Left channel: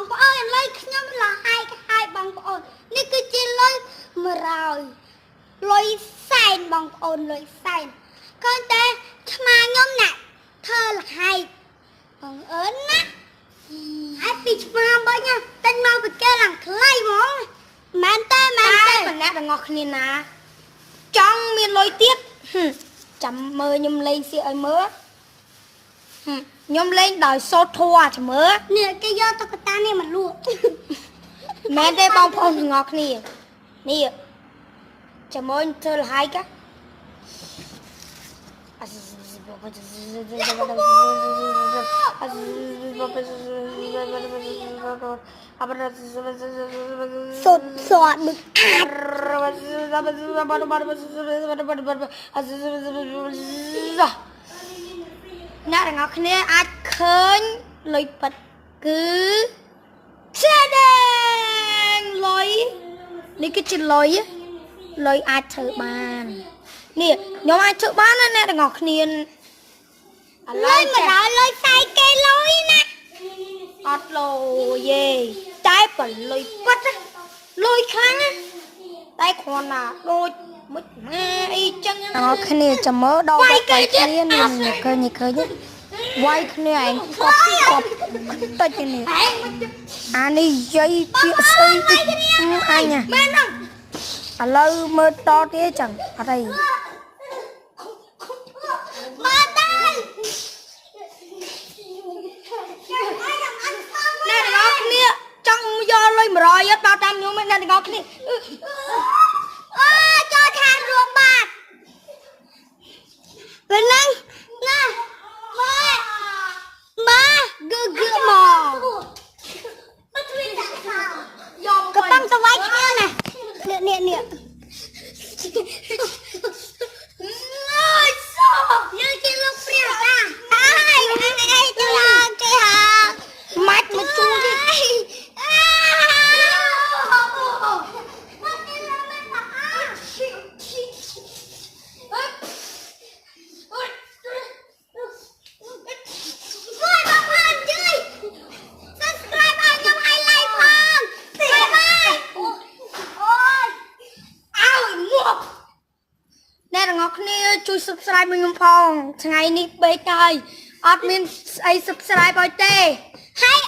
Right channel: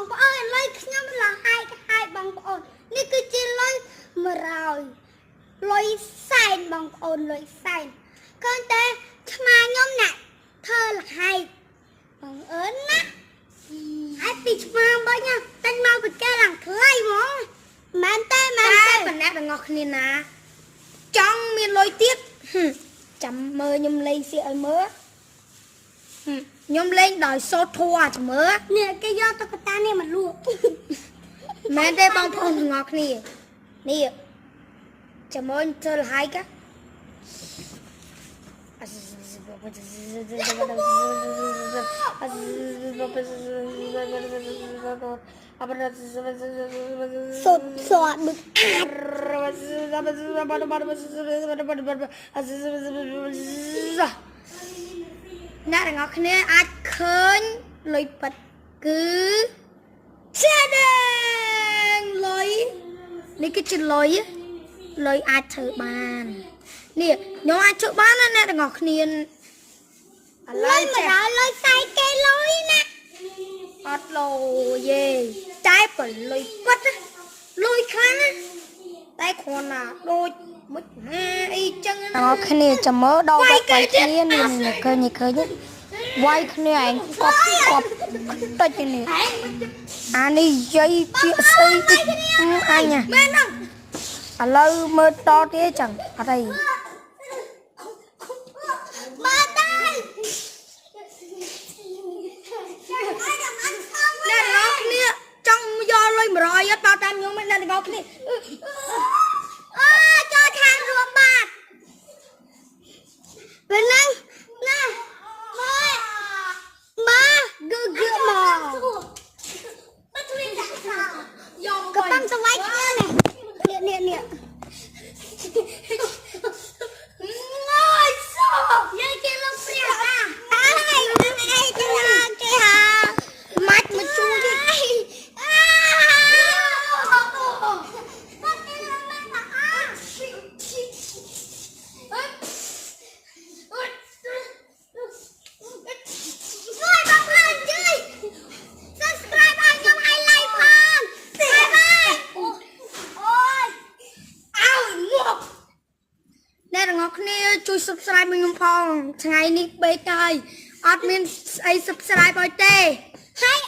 បងប្អូនលុយខ្ញុំលហើយបងប្អូននេះគឺជាលុយ100លុយសែនបងប្អូនលុយសែនឃើញតែឆ្មាខ្ញុំណាក់ធ្វើលហើយបងអើនណាហើយពីឆ្មាបាញ់តែញមកពីគេឡើងថ្លៃហ្មងមែនតែម្នាក់ទាំងអស់គ្នាណាចង់មានលុយទៀតចាំមើលខ្ញុំលេងសៀកឲ្យមើលខ្ញុំលេងដោយសូត្រធัวចាំមើលនេះគេយកតុក្កតានេះមកលក់មែនទេបងប្អូនទាំងអស់គ្នានេះចាំមើលធ្វើលហើយកាសុតសតมึกអ្នកទាំងអស់គ្នាអាចឃើញលុយប៉ិតគឺផ្សេងលុយនេះគឺជាលុយអាចធ្វើបាននេះខ្ញុំអាចធ្វើបានណាអ្នកទាំងអស់គ្នាឥឡូវចាលុយសាយគេលុយណាអត់លុយទេតែបើលុយប៉ិតលុយខ្លាំងណាតែគ្រាន់ណាដូចមិនណាអីចឹងទាំងអស់គ្នាចាំមើលដល់វាយគ្នានេះឃើញវាយគ្នាឯងកប់តិចនេះអានេះយាយពាក្យស្អីតិចអញមែនហ្នឹងឥឡូវមើលតទៀតចឹងអត់អីបាទហើយអ្នកទាំងអស់គ្នាចង់យកលុយ100អត់បោតាមខ្ញុំឯអ្នកទាំងអស់គ្នាចូលខាងរួមបាទពេលហ្នឹងណាមកគឺមកកំពុងទៅវាយគ្នាណានេះយើងជិះលោកព្រាវហើយអីទៅឡើងគេហៅម៉ាច់មកជួលទៀតអ្នកទាំងអស់គ្នាជួយ subscribe មកខ្ញុំផងថ្ងៃនេះពេកហើយអត់មានស្អី subscribe ឲ្យទេហើយ